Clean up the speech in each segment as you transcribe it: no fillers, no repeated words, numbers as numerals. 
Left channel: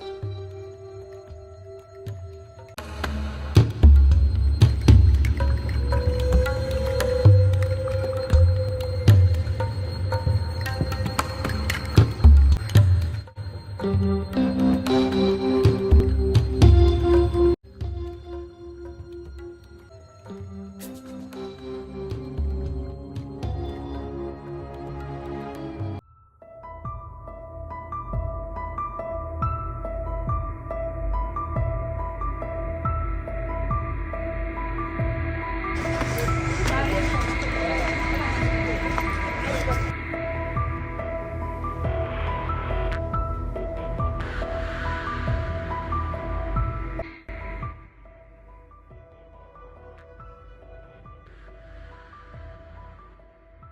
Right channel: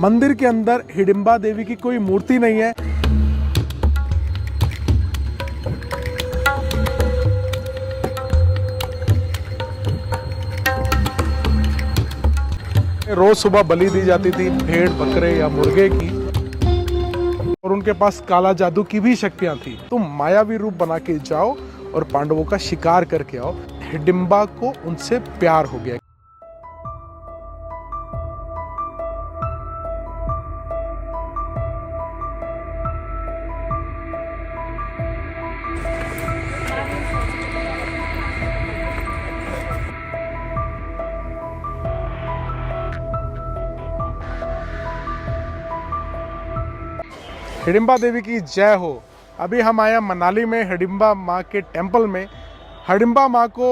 मंदिर के अंदर हिडिंबा देवी की कोई मूर्ति नहीं है। रोज सुबह बलि दी जाती थी भेड़, बकरे या मुर्गे की, और उनके पास काला जादू की भी शक्तियां थी। तुम मायावी रूप बना के जाओ और पांडवों का शिकार करके आओ। हिडिंबा को उनसे प्यार हो गया। हिडिंबा देवी की जय हो। अभी हम आए हैं मनाली में हिडिंबा माँ के टेंपल में। हिडिंबा माँ को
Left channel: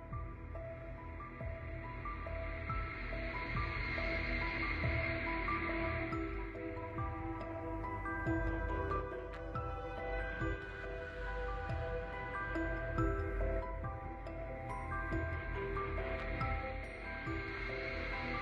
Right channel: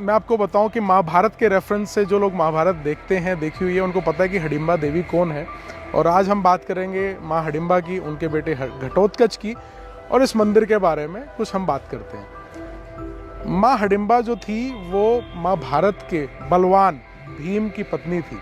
मैं आपको बताऊं कि महाभारत के रेफरेंस से जो लोग महाभारत देखते हैं, देखी हुई है, उनको पता है कि हिडिंबा देवी कौन है। और आज हम बात करेंगे माँ हिडिंबा की, उनके बेटे घटोत्कच की, और इस मंदिर के बारे में कुछ हम बात करते हैं। माँ हिडिंबा जो थी वो महाभारत के बलवान भीम की पत्नी थी।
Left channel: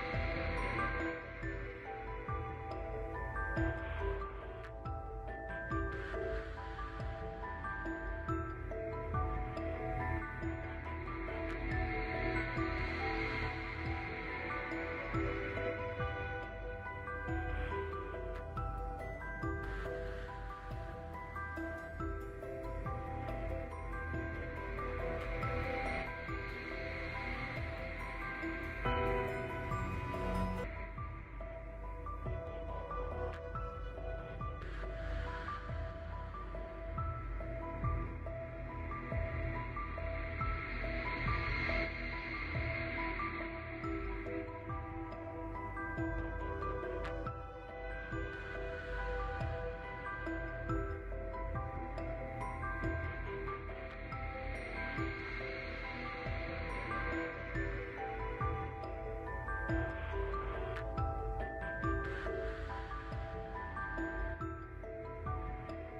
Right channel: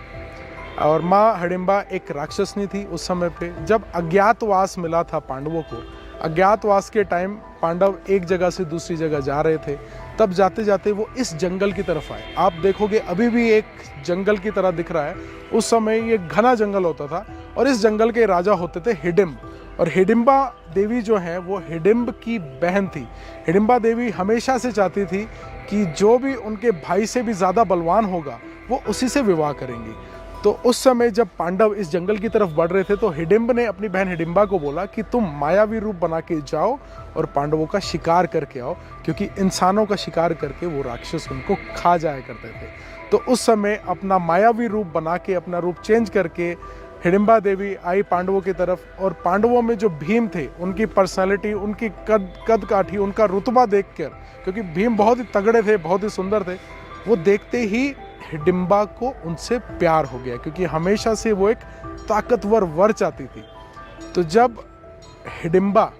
और माँ हिडिंबा एक राक्षसनी थी उस समय पे, जब अज्ञातवास मिला था पांडवों को। अज्ञातवास के टाइम पांडव एक जगह से दूसरी जगह जा रहे थे, तब जाते जाते वो इस जंगल की तरफ आए। आप देखोगे अभी भी एक जंगल की तरह दिख रहा है। उस समय ये घना जंगल होता था और इस जंगल के राजा होते थे हिडिंब। और हिडिंबा देवी जो है वो हिडिंब की बहन थी। हिडिंबा देवी हमेशा से चाहती थी कि जो भी उनके भाई से भी ज़्यादा बलवान होगा वो उसी से विवाह करेंगी। तो उस समय जब पांडव इस जंगल की तरफ बढ़ रहे थे तो हिडिंब ने अपनी बहन हिडिंबा को बोला कि तुम मायावी रूप बना के जाओ और पांडवों का शिकार करके आओ, क्योंकि इंसानों का शिकार करके वो राक्षस उनको खा जाया करते थे। तो उस समय अपना मायावी रूप बना के, अपना रूप चेंज करके हिडिंबा देवी आई पांडवों की तरफ। और पांडवों में जो भीम थे, उनकी पर्सनैलिटी, उनकी कद काठी, उनका रुतबा देखकर, क्योंकि भीम बहुत ही तगड़े थे, बहुत ही सुंदर थे, वो देखते ही हिडिंबा को उनसे प्यार हो गया, क्योंकि हमेशा से वो एक ताकतवर वर चाहती थी। तो जब हिडिंबा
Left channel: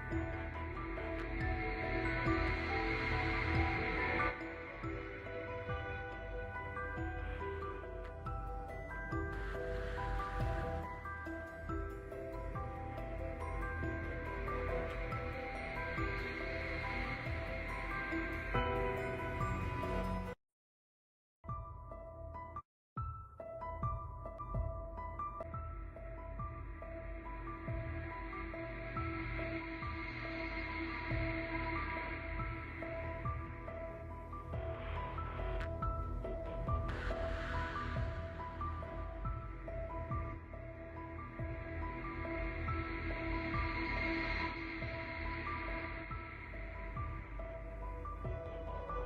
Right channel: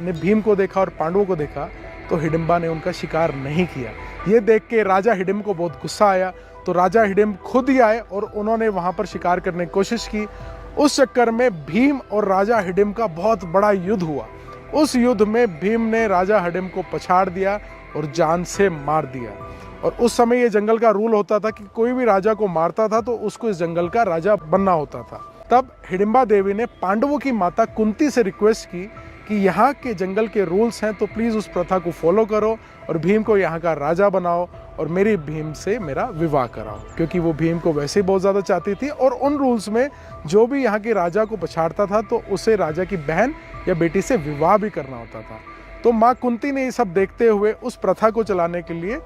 ने भीम को देखा और पांडवों को देखा तो हिडिंबा ने उनका शिकार नहीं किया। ये देख के राजा हिडिंब को बहुत गुस्सा आया। तो राजा हिडिंब खुद ही आए और उन्होंने वहां पर शिकार करने की कोशिश की। उस चक्कर में भीम और राजा हिडिंब का बहुत बड़ा युद्ध हुआ। उस युद्ध में भीम ने राजा हिडिंब को पछाड़ दिया और जान से मार दिया। और उस समय ये जंगल का रूल होता था कि कोई भी राजा को मारता था तो उसको इस जंगल का राजा बनना होता था। तब हिडिंबा देवी ने पांडवों की माता कुंती से रिक्वेस्ट की कि यहाँ के जंगल के रूल्स हैं तो प्लीज़ उस प्रथा को फॉलो करो और भीम को यहाँ का राजा बनाओ और मेरी भीम से मेरा विवाह कराओ, क्योंकि वो भीम को वैसे ही बहुत ज़्यादा चाहती थी। और उन रूल्स में जो भी यहाँ के राजा को पछाड़ता था तो उसे राजा की बहन या बेटी से विवाह भी करना होता था। तो माँ कुंती ने ये सब देखते हुए उस प्रथा को चलाने के लिए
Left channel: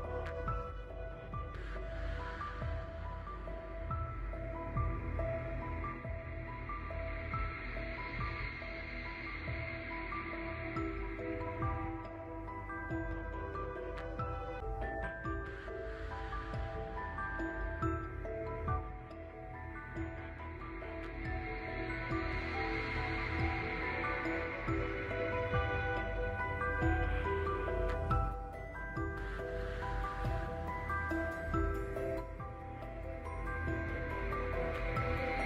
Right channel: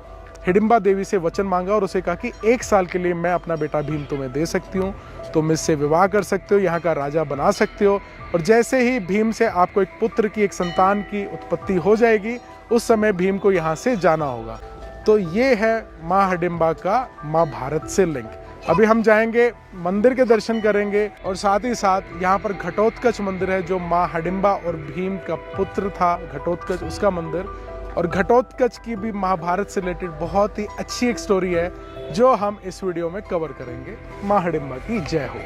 हिडिंबा देवी से वचन मांगा और उसे कहा कि 1 साल के लिए मैं अपना बेटा भीम तुम्हें दे सकती हूँ, तुम इससे विवाह कर सकते हो, यहाँ का राजा बना सकते हो। और जैसे ही भीम से आपको एक पुत्र की, एक संतान की उत्पत्ति हो जाएगी, उस समय भीम को यहाँ से जाना होगा। तो ये है माँ हिडिंबा का महाभारत से लिंक। अभी हम जाएंगे, मंदिर के दर्शन करेंगे और साथ ही साथ यहाँ पर घटोत्कच मंदिर है जो माँ हिडिंबा और भीम का पुत्र था घटोत्कच, उसका मंदिर। और घटोत्कच की भी महाभारत से रिलेटेड बहुत ही अच्छी एक स्टोरी है जो हम इस वीडियो में कवर करेंगे। माँ हिडिंबा की जय हो।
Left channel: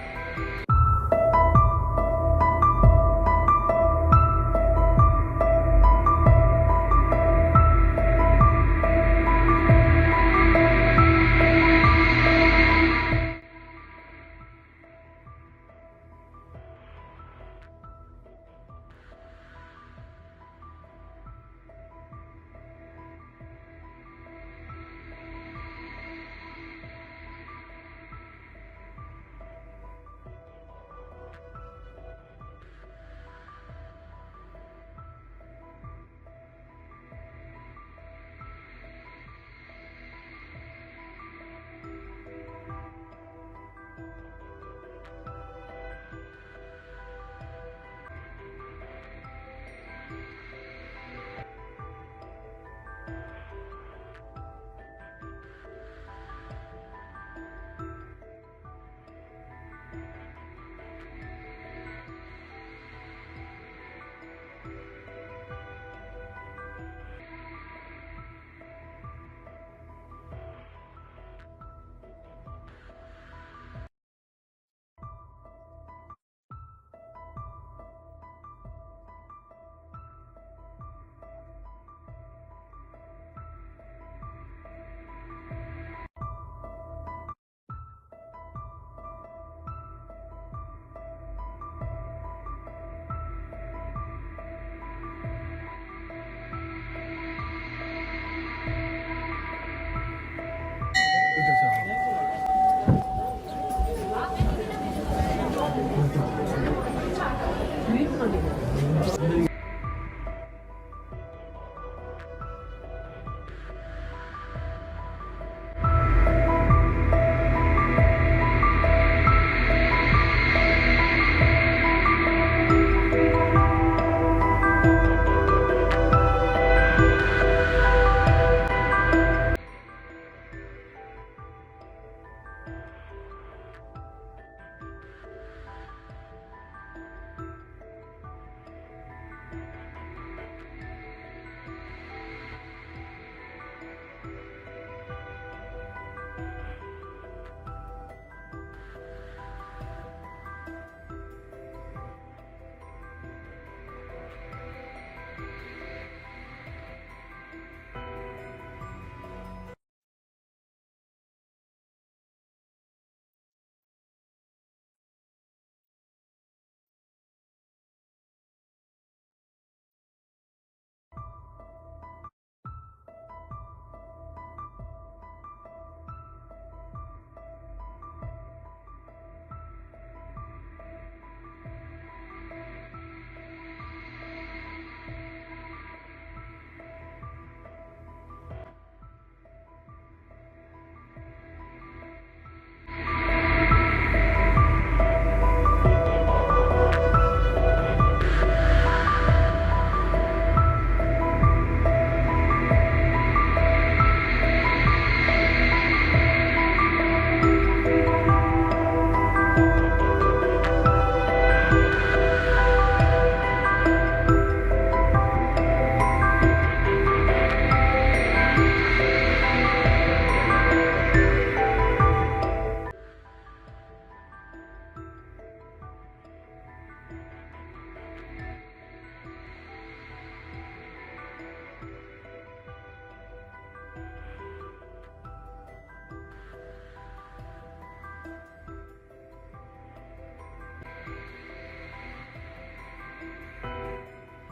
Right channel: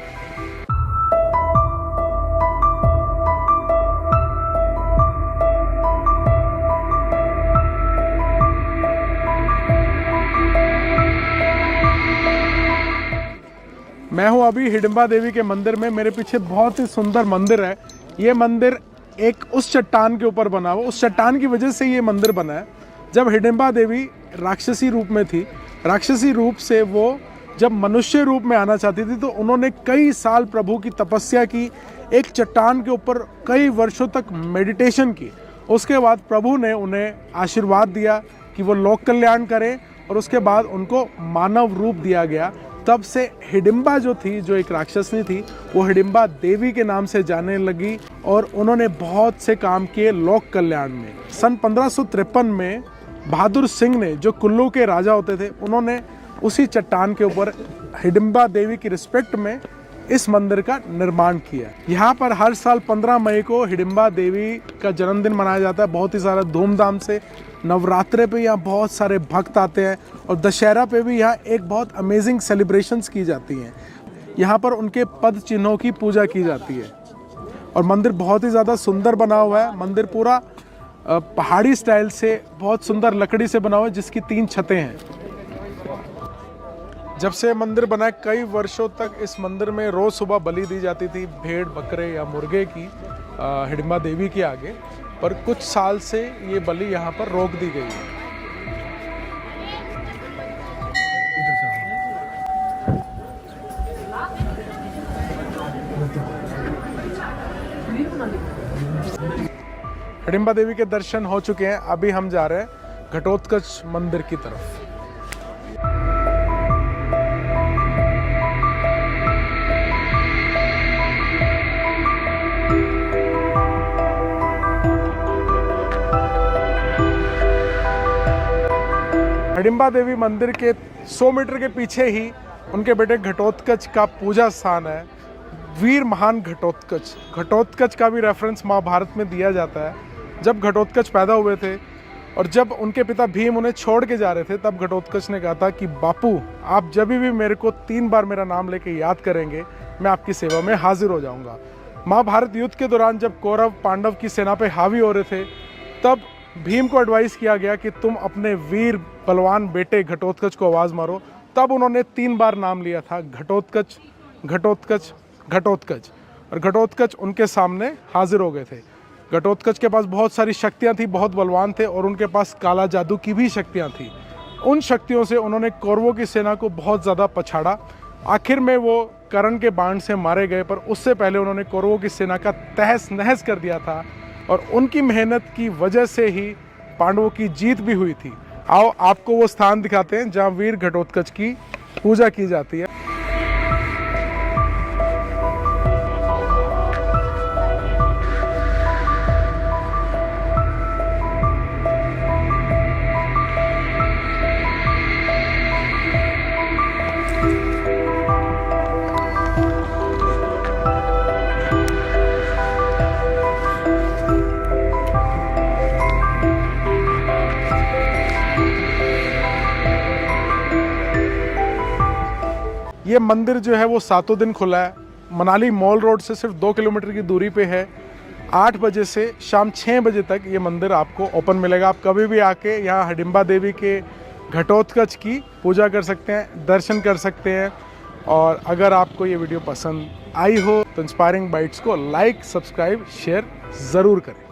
मैं हूँ अभी हिडिंबा देवी के मंदिर में। मेरे पीछे बहुत ही सुंदर मंदिर है। ये मंदिर एक उस चट्टान के ऊपर बना हुआ, उस चट्टान की वजह से ये मंदिर बना है। जब हिडिंबा देवी राक्षसी रूप में थी, राक्षसी रूप से वो जब मनुष्य रूप में आना चाहती थी तो उन्होंने कई साल प्रभु की तपस्या की, एक चट्टान के ऊपर कई वर्षों तक मेडिटेशन की। उसके बाद प्रभु ने उन्हें आशीर्वाद दिया कि वो लोक कल्याण करें और उसके बाद उनको मानव रूप दिया गया। तब से हिडिंबा जो थी, जो एक राक्षसनी थी, वो हिडिंबा देवी के नाम से जाने लगी और उन्होंने बहुत से काम किए लोक कल्याण में। सन 1553 में बहादुर सिंह ने, जो कुल्लू के राजा होते थे, उन्होंने उसी चट्टान के ऊपर हिडिंबा देवी की रिस्पेक्ट में इस मंदिर का निर्माण किया। यहाँ पर हर साल 15 मई को हिडिंबा देवी का जन्मदिन मनाया जाता है बहुत ही सारा धूमधाम से। नवरात्रे पे यहाँ बहुत सारे भक्त आते हैं और दशहरा पे भी यहाँ एक बहुत अमेजिंग सेलिब्रेशंस की जाती हैं। यहाँ पर उनके पद चिन्हों की पूजा की जाती है। और मंदिर बहुत ही ज़्यादा सुंदर बना हुआ है। मंदिर पूरा पहाड़ी स्टाइल से बहुत सुंदर लकड़ी से बना हुआ है, जिसकी 3 छतें हैं। जब से मंदिर बना है कई वर्षों तक इस मंदिर में रोज़ सुबह बलि दी जाती थी, भेड़, बकरे या मुर्गे की हिडिंबा देवी के आगे। पर कुछ साल से ये बलि यहाँ पर रोक दी गई है। हिडिंबा देवी के दर्शन हो चुके हैं। अभी हम जा रहे हैं घटोत्कच मंदिर की तरफ। हिडिंबा देवी मंदिर के 100 मीटर के पीछे ही उनके बेटे घटोत्कच का पूजा स्थान है, वीर महान घटोत्कच। घटोत्कच का भी रेफरेंस महाभारत में दिया जाता है। जब घटोत्कच पैदा हुए थे और जब उनके पिता भीम उन्हें छोड़ के जा रहे थे, तब घटोत्कच ने कहा था कि बापू, आप जब भी मेरे को 3 बार मेरा नाम लेके याद करेंगे, मैं आपकी सेवा में हाजिर हो जाऊंगा। महाभारत युद्ध के दौरान जब कौरव पांडव की सेना पे हावी हो रहे थे, तब भीम को एडवाइस किया गया कि तुम अपने वीर बलवान बेटे घटोत्कच को आवाज़ मारो। तब उन्होंने 3 बार नाम लिया था, घटोत्कच, घटोत्कच, घटोत्कच। और घटोत्कच उनके सामने हाजिर हो गए थे। घटोत्कच के पास बहुत सारी शक्तियां थी, बहुत बलवान थे और उनके पास काला जादू की भी शक्तियां थी। उन शक्तियों से उन्होंने कौरवों की सेना को बहुत ज़्यादा पछाड़ा। आखिर में वो कर्ण के बाण से मारे गए, पर उससे पहले उन्होंने कौरवों की सेना का तहस नहस कर दिया था। और उनकी मेहनत की वजह से ही पांडवों की जीत भी हुई थी। आओ आपको वो स्थान दिखाते हैं जहाँ वीर घटोत्कच की पूजा की जाती है। ये मंदिर जो है वो 7 दिन खुला है। मनाली मॉल रोड से सिर्फ 2 किलोमीटर की दूरी पे है। 8 बजे से शाम 6 बजे तक ये मंदिर आपको ओपन मिलेगा। आप कभी भी आके यहाँ हिडिंबा देवी के घटोत्कच की पूजा कर सकते हैं, दर्शन कर सकते हैं। और अगर आपको ये वीडियो पसंद आई हो तो इंस्पायरिंग बाइट्स को लाइक, सब्सक्राइब, शेयर ज़रूर करें।